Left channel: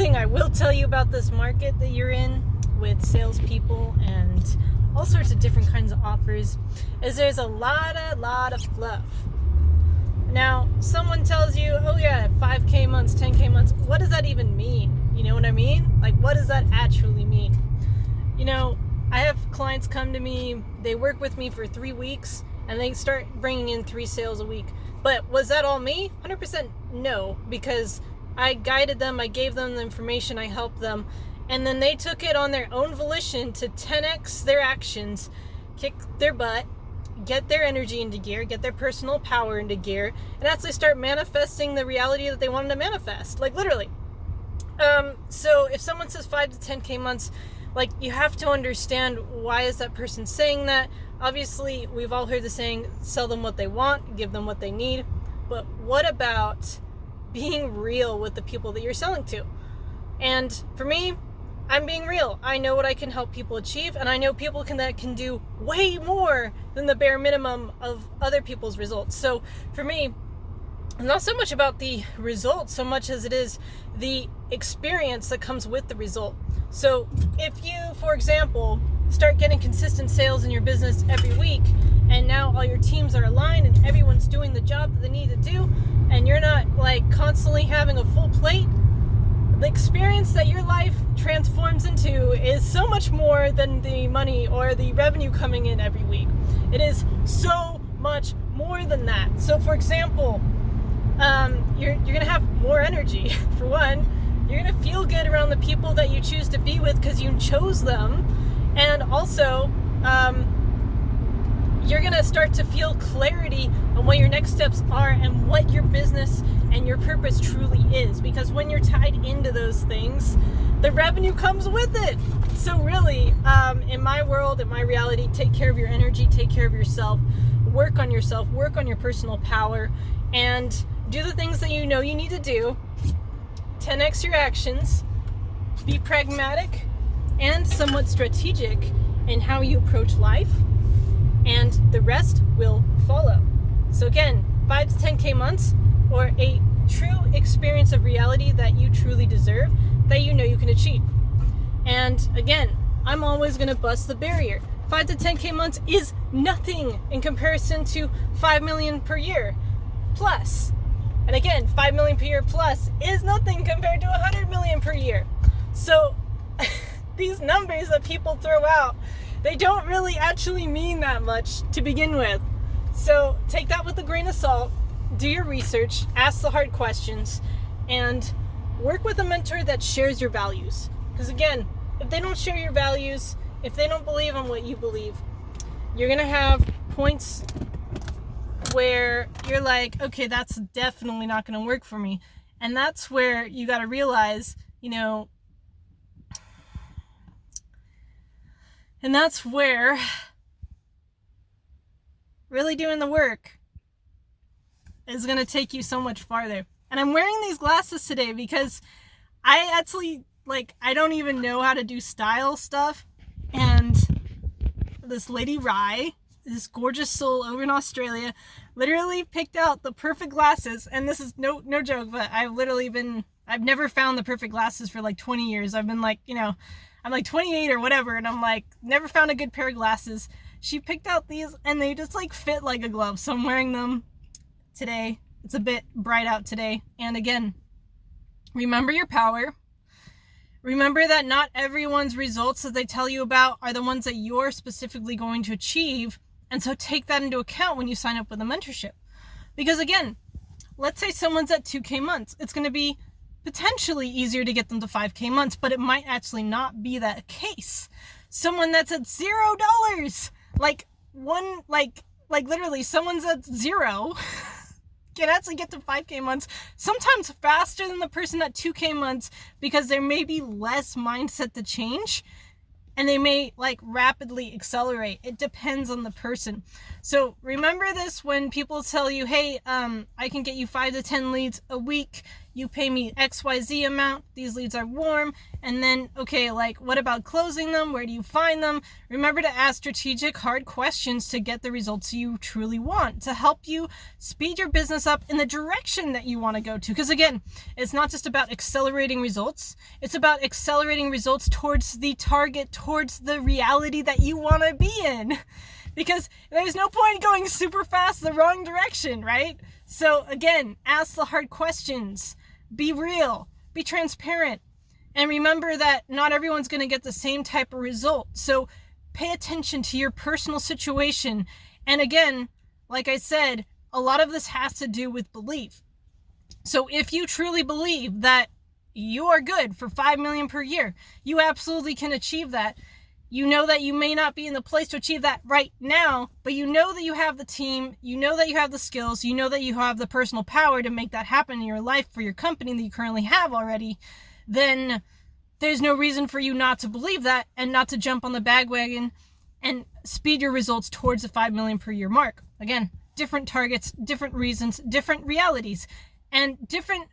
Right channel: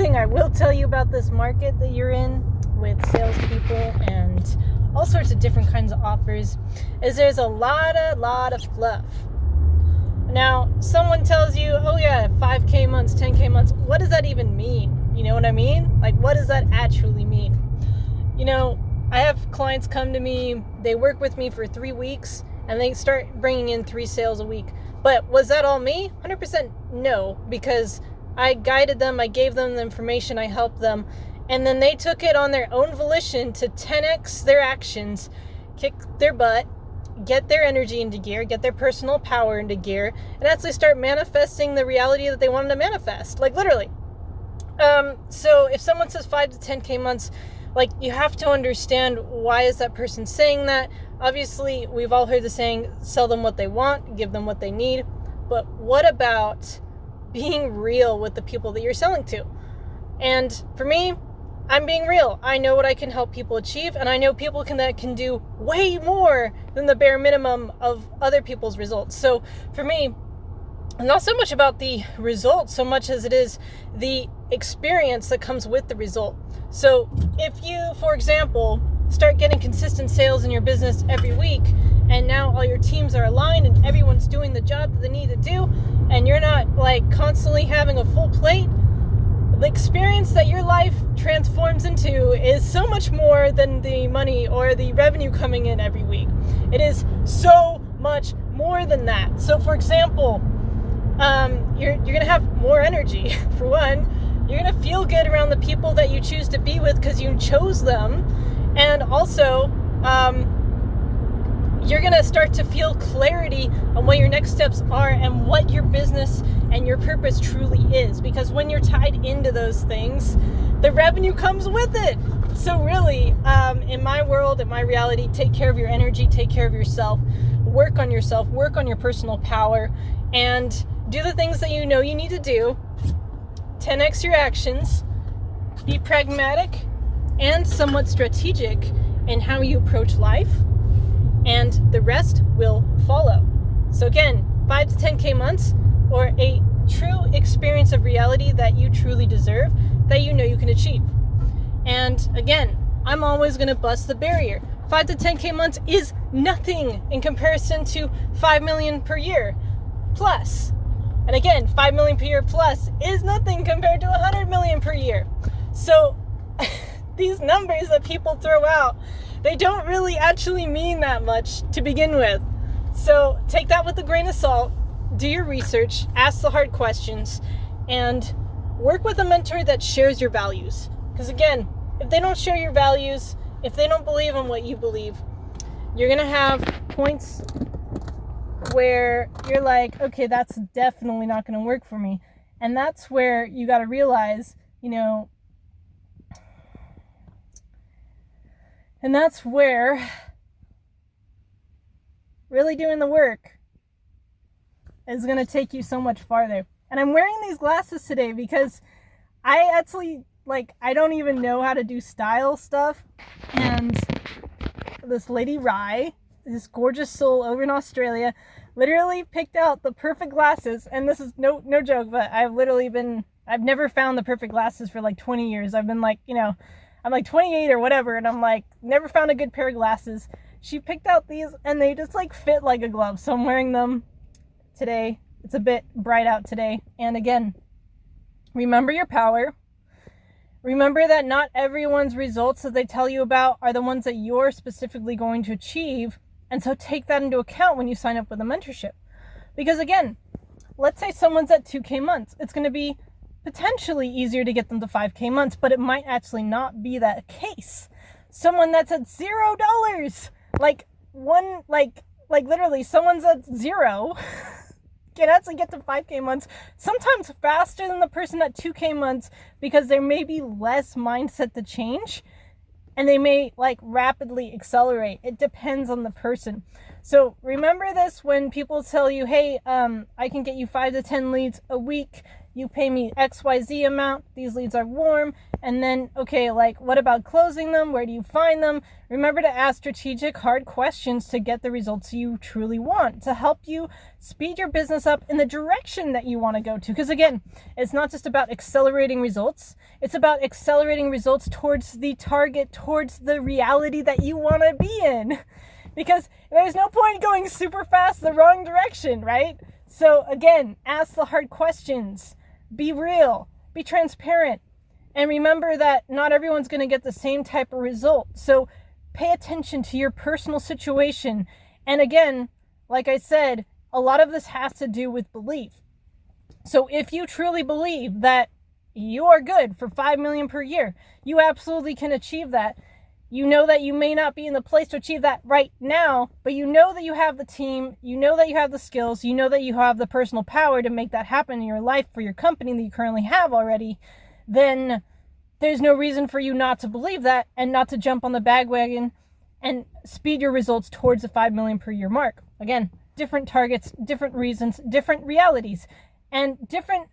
thing I will tell you about this market that you're in with salespeople and all sorts of different kinds of offers is there's a lot of fluff. Now, someone tells you, oh yeah, 5K months, 10K months. What does that even mean? You know what I mean? Like, what does that actually mean? You know, I have clients come to me, they work with me for 3 weeks, and they start bringing in 3 sales a week. But was that all me? 100% no, because I guided them, I gave them the information, I helped them, and then they took it on their own volition to 10x their actions, kick their butt, get their energy into gear, get their personal power into gear, and actually start manifesting the reality that they wanted to manifest, like literally. So if someone says 5 to 10K months, like, you have to understand, why is that person saying that? Obviously, we've all heard the saying, sell them what they want, give them what they need. But what about being real with the people that you're selling to? And for me, I'm being real. I know what I can help people achieve, and I know people that can do way more than the bare minimum of other people's results. So for me, it's not so much about the result so much as it is the experience that comes with the result. So if you, for example, start getting consistent sales in your business every week, and now all your teams are aligned and everyone's doing the job that they need to do, and you're not like constantly having a full plate, the experience that your life transforms into is so much more than the money or the revenue coming in every week. It is so much more than that. So for example, you're gonna have more energy. For one, you're gonna feel good around the people that you choose to be with because you chose them, and also you're gonna start to feel clarity on what your next steps are and what your business and your purpose truly is, because when you're tied into those things, the revenue comes with it. So really, in my world, in my reality, take care of your energy, take care of yourself, work on your personal power, and do the things that you know you need to do. 10x your actions, be pragmatic and somewhat strategic in how you approach life, and the rest will follow. So again, 5 to 10K months, or a true experience of reality that you truly deserve, that you know you can achieve. And again, I'm always going to bust the barrier. 5 to 10K months is nothing in comparison to 5 million per year plus. And again, 5 million per year plus is nothing compared to 100 million per year. So these numbers that people throw out, they don't really actually mean that much to begin with. So take that with a grain of salt, do your research, ask the hard questions, and work with a mentor that shares your values. Because again, if they don't share your values, if they don't believe in what you believe, you're going to have points where you're like, okay, that's definitely not going to work for me. And that's where you got to realize, and that's where really doing the work is going to take you so much farther. And I'm wearing these glasses today because I actually, I don't even know how to do style stuff. And this lady Rye, this gorgeous soul over in Australia, literally picked out the perfect glasses. And this is no joke, but I've never found the perfect glasses for 20 years. I've been I'm 28 or whatever, and I'm never found a good pair of glasses. She picked out these, and they just fit like a glove. So I'm wearing them today. It's a bit bright out today. And again, remember your power. Remember that not everyone's results that they tell you about are the ones that you're specifically going to achieve. And so take that into account when you sign up with a mentorship. Because again, let's say someone's at 2K months. It's going to be potentially easier to get them to 5K months, but it might actually not be that case. Someone that's at $0, literally someone's at 0 can actually get to 5K months, sometimes faster than the person at 2K months, because there may be less mindset to change, and they may rapidly accelerate. It depends on the person. So remember this when people tell you, hey, I can get you 5 to 10 leads a week. you pay me XYZ amount, these leads are warm, and then, okay, like, what about closing them? Where do you find them? Remember to ask strategic, hard questions to get the results you truly want, to help you speed your business up in the direction that you want to go to. Because again, it's not just about accelerating results, it's about accelerating results towards the target, towards the reality that you want to be in. Because there's no point going super fast the wrong direction, right? So again, ask the hard questions, be real, be transparent, and remember that not everyone's going to get the same type of result. So pay attention to your personal situation. And again, like I said, a lot of this has to do with belief. So if you truly believe that you are good for 5 million per year, you absolutely can achieve that. You know that you may not be in the place to achieve that right now, but you know that you have the team, you know that you have the skills, you know that you have the personal power to make that happen in your life for your company that you currently have already, then there's no reason for you not to believe that and not to jump on the bandwagon and speed your results towards the 5 million per year mark. Again, different targets, different reasons, different realities, and different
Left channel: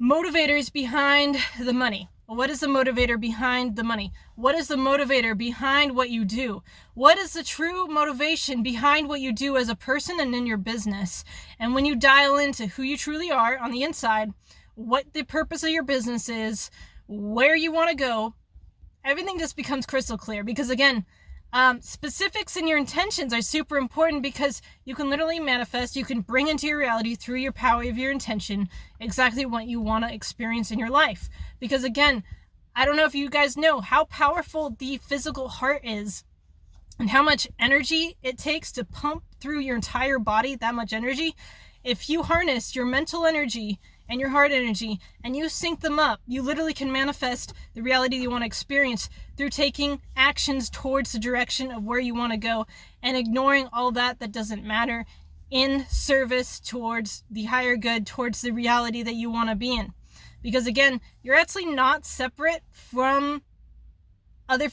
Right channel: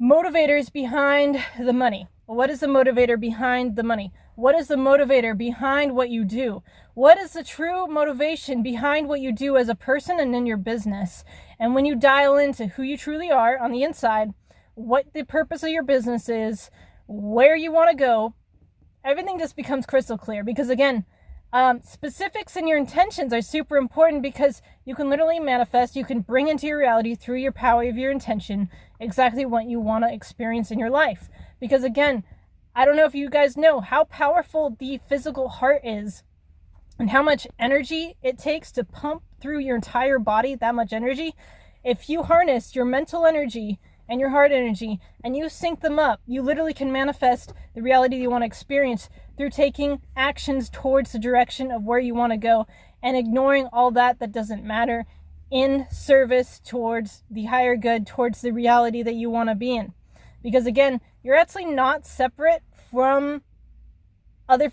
motivators behind the money. What is the motivator behind the money? What is the motivator behind what you do? What is the true motivation behind what you do as a person and in your business? And when you dial into who you truly are on the inside, what the purpose of your business is, where you want to go, everything just becomes crystal clear. Because again, specifics and your intentions are super important, because you can literally manifest, you can bring into your reality through your power of your intention exactly what you want to experience in your life. Because again, I don't know if you guys know how powerful the physical heart is and how much energy it takes to pump through your entire body, that much energy. If you harness your mental energy and your heart energy and you sync them up, you literally can manifest the reality you want to experience through taking actions towards the direction of where you want to go and ignoring all that doesn't matter in service towards the higher good, towards the reality that you want to be in. Because again, you're actually not separate from other,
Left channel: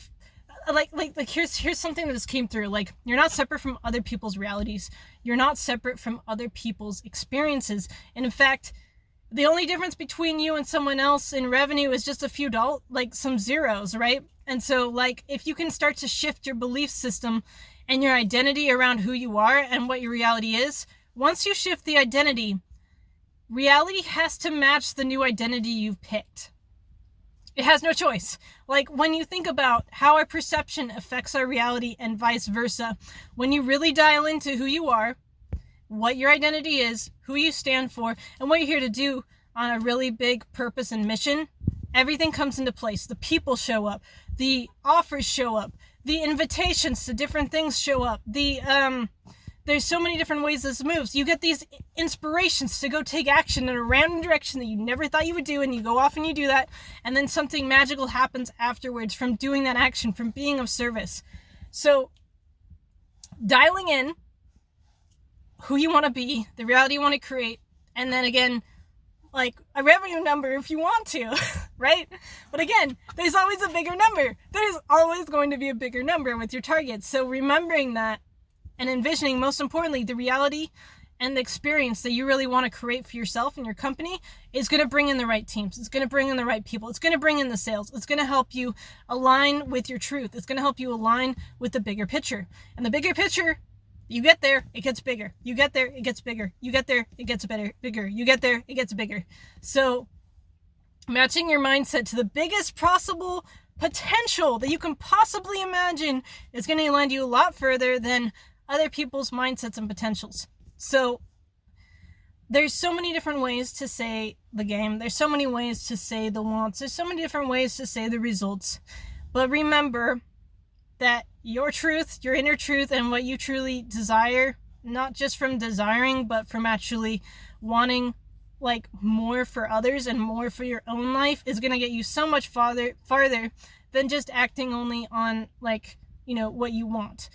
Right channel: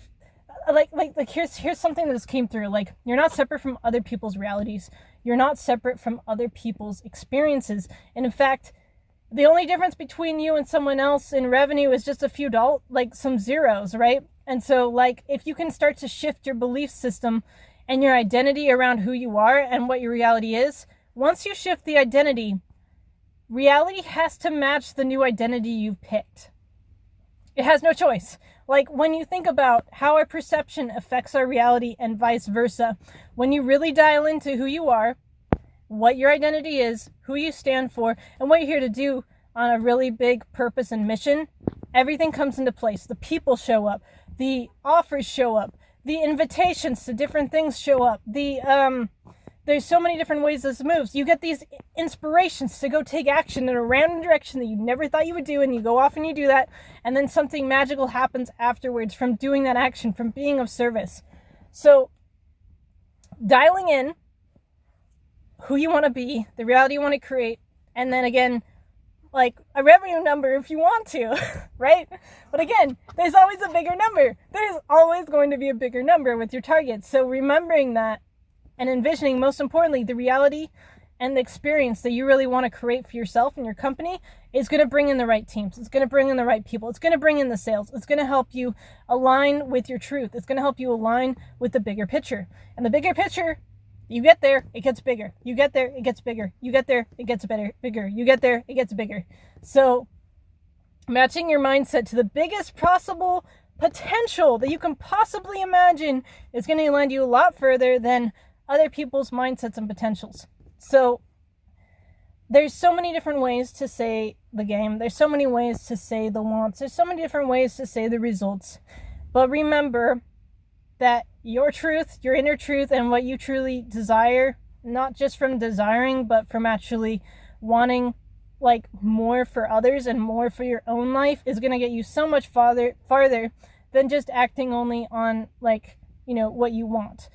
like here's something that just came through. Like, you're not separate from other people's realities. You're not separate from other people's experiences. And in fact, the only difference between you and someone else in revenue is just a few dollars, like some zeros, right? And so like, if you can start to shift your belief system and your identity around who you are and what your reality is, once you shift the identity, reality has to match the new identity you've picked. It has no choice. Like, when you think about how our perception affects our reality and vice versa, when you really dial into who you are, what your identity is, who you stand for, and what you're here to do on a really big purpose and mission, everything comes into place. The people show up, the offers show up, the invitations to different things show up, there's so many different ways this moves. You get these inspirations to go take action in a random direction that you never thought you would do, and you go off and you do that, and then something magical happens afterwards from doing that action, from being of service. So dialing in who you want to be, the reality you want to create, and then again, like a revenue number if you want to, right? But again, there's always a bigger number. There's always going to be a bigger number with your targets. So remembering that and envisioning, most importantly, the reality and the experience that you really want to create for yourself and your company is going to bring in the right teams. It's going to bring in the right people. It's going to bring in the sales. It's going to help you align with your truth. It's going to help you align with the bigger picture. And the bigger picture, you get there, it gets bigger. You get there, it gets bigger. You get there, it gets bigger. You get there, it gets bigger. So matching your mindset to the biggest possible potential that you can possibly imagine is going to land you a lot further than other people's mindsets and potentials. So there's so many different ways to say the game. There's so many ways to say the wants. There's so many different ways to say the results. But remember that your truth, your inner truth, and what you truly desire, not just from desiring, but from actually wanting like more for others and more for your own life, is going to get you so much farther than just acting only on like, what you want.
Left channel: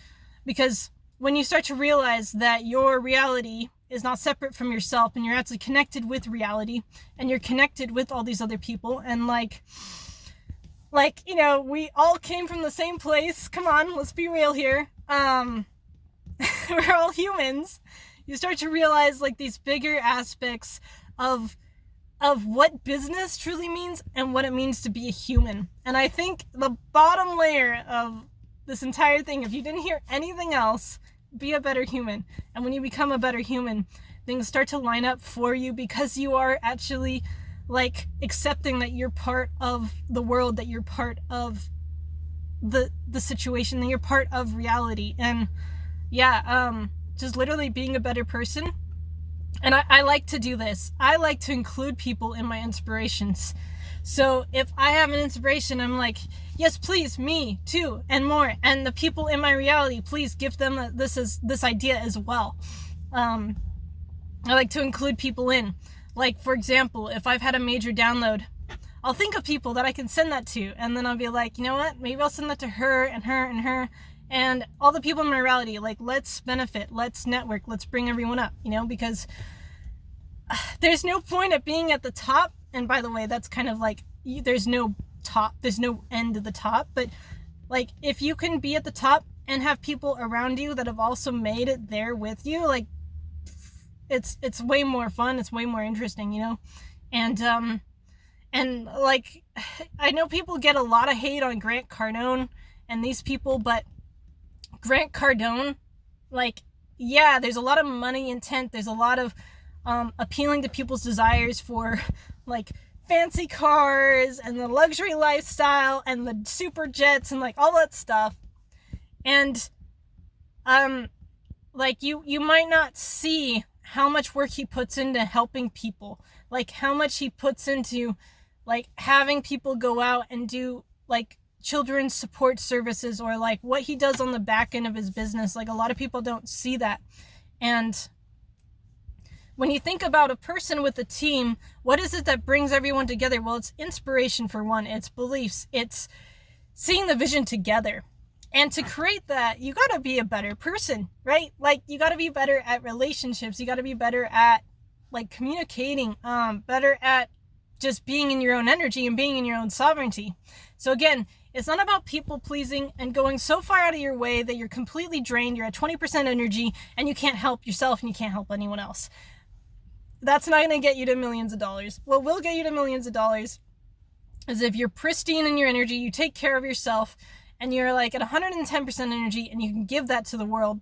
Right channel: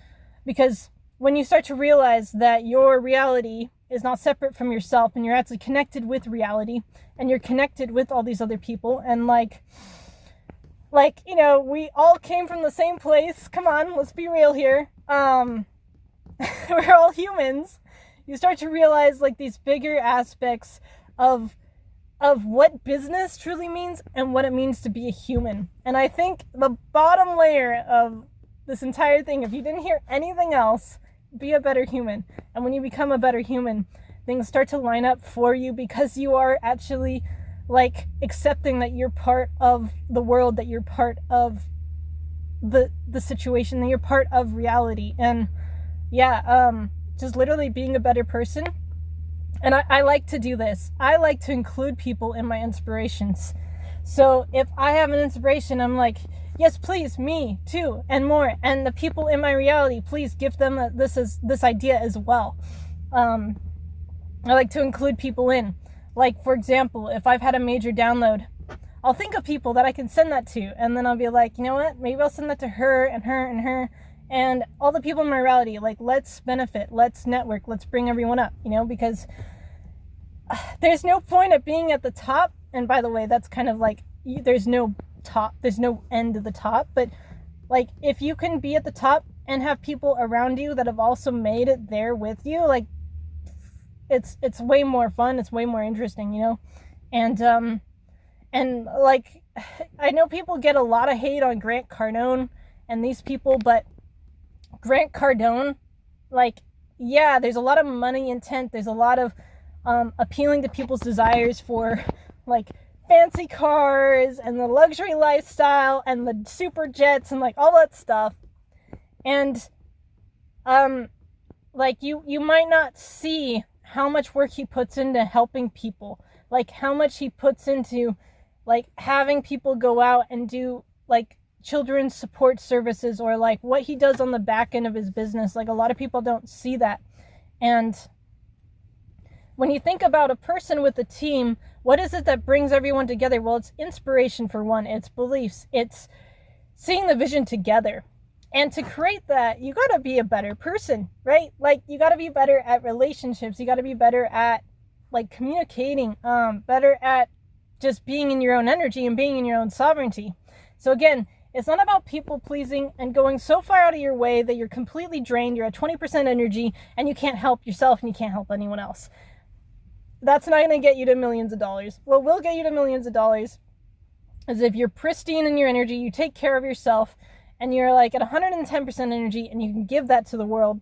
Because when you start to realize that your reality is not separate from yourself, and you're actually connected with reality, and you're connected with all these other people, and we all came from the same place. Come on, let's be real here. We're all humans. You start to realize like these bigger aspects of of what business truly means and what it means to be a human. And I think the bottom layer of this entire thing, if you didn't hear anything else, be a better human. And when you become a better human, things start to line up for you because you are actually like accepting that you're part of the world, that you're part of the situation, that you're part of reality. And just literally being a better person. And I like to do this. I like to include people in my inspirations. So if I have an inspiration, I'm like, yes, please, me too, and more. And the people in my reality, please give them this idea as well. I like to include people in. Like, for example, if I've had a major download, I'll think of people that I can send that to. And then I'll be like, you know what? Maybe I'll send that to her and her and her. And all the people in my reality, like, let's benefit, let's network, let's bring everyone up, because there's no point at being at the top. And by the way, that's kind of like, there's no top, there's no end to the top. But like, if you can be at the top and have people around you that have also made it there with you, like, it's way more fun, it's way more interesting, And like, I know people get a lot of hate on Grant Cardone and these people, but Grant Cardone, like, yeah, there's a lot of money intent. There's a lot of appealing to people's desires for like fancy cars and the luxury lifestyle and the super jets and like all that stuff. And like you might not see how much work he puts into helping people, like how much he puts into like having people go out and do like children's support services, or like what he does on the back end of his business. Like, a lot of people don't see that. And when you think about a person with a team, what is it that brings everyone together? Well, it's inspiration for one, it's beliefs, it's seeing the vision together. And to create that, you got to be a better person, right? Like, you got to be better at relationships, you got to be better at like communicating, better at just being in your own energy and being in your own sovereignty. So again, it's not about people pleasing and going so far out of your way that you're completely drained, you're at 20% energy, and you can't help yourself and you can't help anyone else. That's not going to get you to millions of dollars. What will get you to millions of dollars is if you're pristine in your energy, you take care of yourself, and you're like at 110% energy, and you can give that to the world.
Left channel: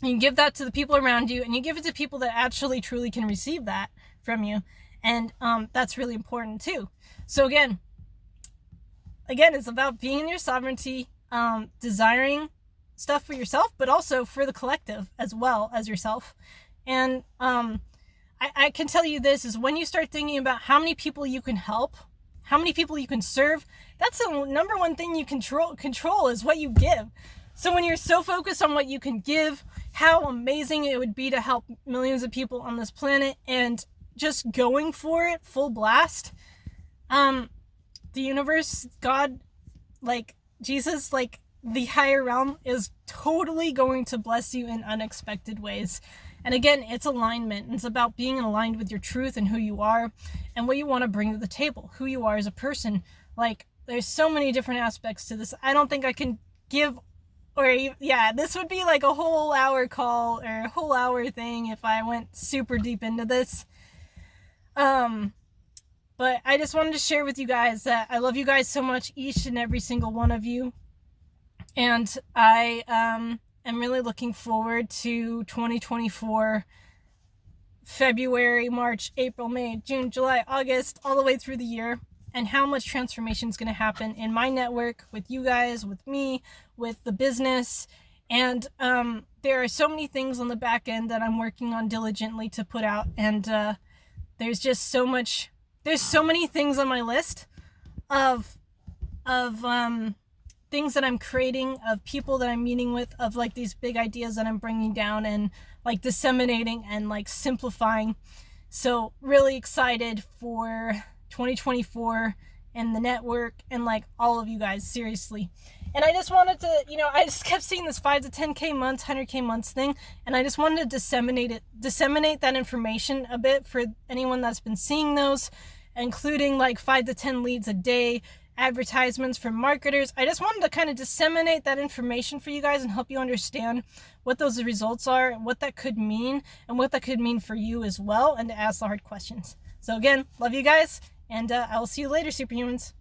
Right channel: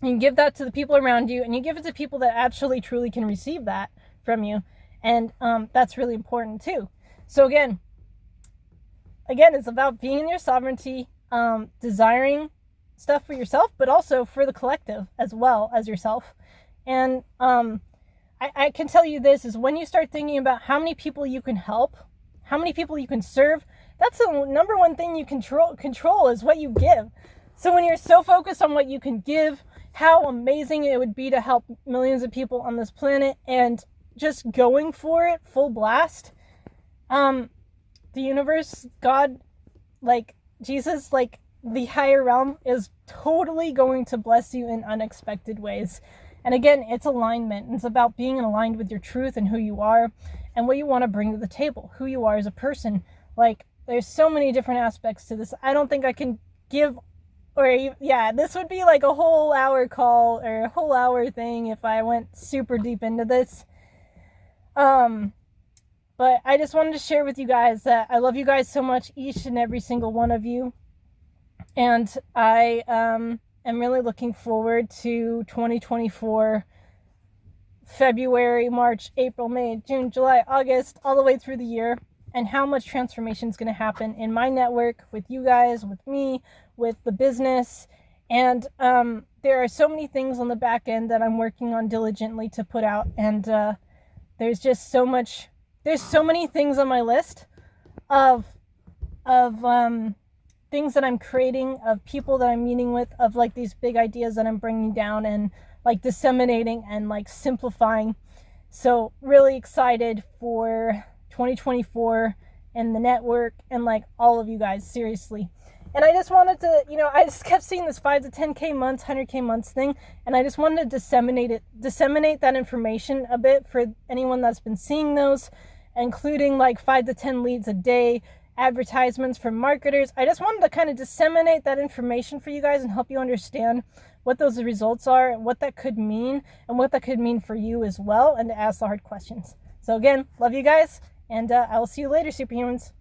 You can give that to the people around you, and you give it to people that actually truly can receive that from you. And that's really important too. So again, it's about being in your sovereignty, desiring stuff for yourself, but also for the collective as well as yourself. And I can tell you this is when you start thinking about how many people you can help, how many people you can serve, that's the number one thing you control is what you give. So when you're so focused on what you can give, how amazing it would be to help millions of people on this planet, and just going for it full blast, the universe, God, like Jesus, like the higher realm is totally going to bless you in unexpected ways. And again, it's alignment. It's about being aligned with your truth and who you are and what you want to bring to the table, who you are as a person. Like, there's so many different aspects to this. I don't think I can give, this would be like a whole hour call or a whole hour thing if I went super deep into this. But I just wanted to share with you guys that I love you guys so much, each and every single one of you. And I am really looking forward to 2024, February, March, April, May, June, July, August, all the way through the year, and how much transformation is going to happen in my network, with you guys, with me, with the business. And there are so many things on the back end that I'm working on diligently to put out. And there's just so much. There's so many things on my list of things that I'm creating, of people that I'm meeting with, of like these big ideas that I'm bringing down and like disseminating and like simplifying. So really excited for 2024 and the network and like all of you guys, seriously. And I just wanted to, I just kept seeing this 5 to 10K months, 100K months thing. And I just wanted to disseminate that information a bit for anyone that's been seeing those, including like 5 to 10 leads a day, advertisements from marketers. I just wanted to kind of disseminate that information for you guys and help you understand what those results are, what that could mean, and what that could mean for you as well, and to ask the hard questions. So again, love you guys, and I will see you later, superhumans.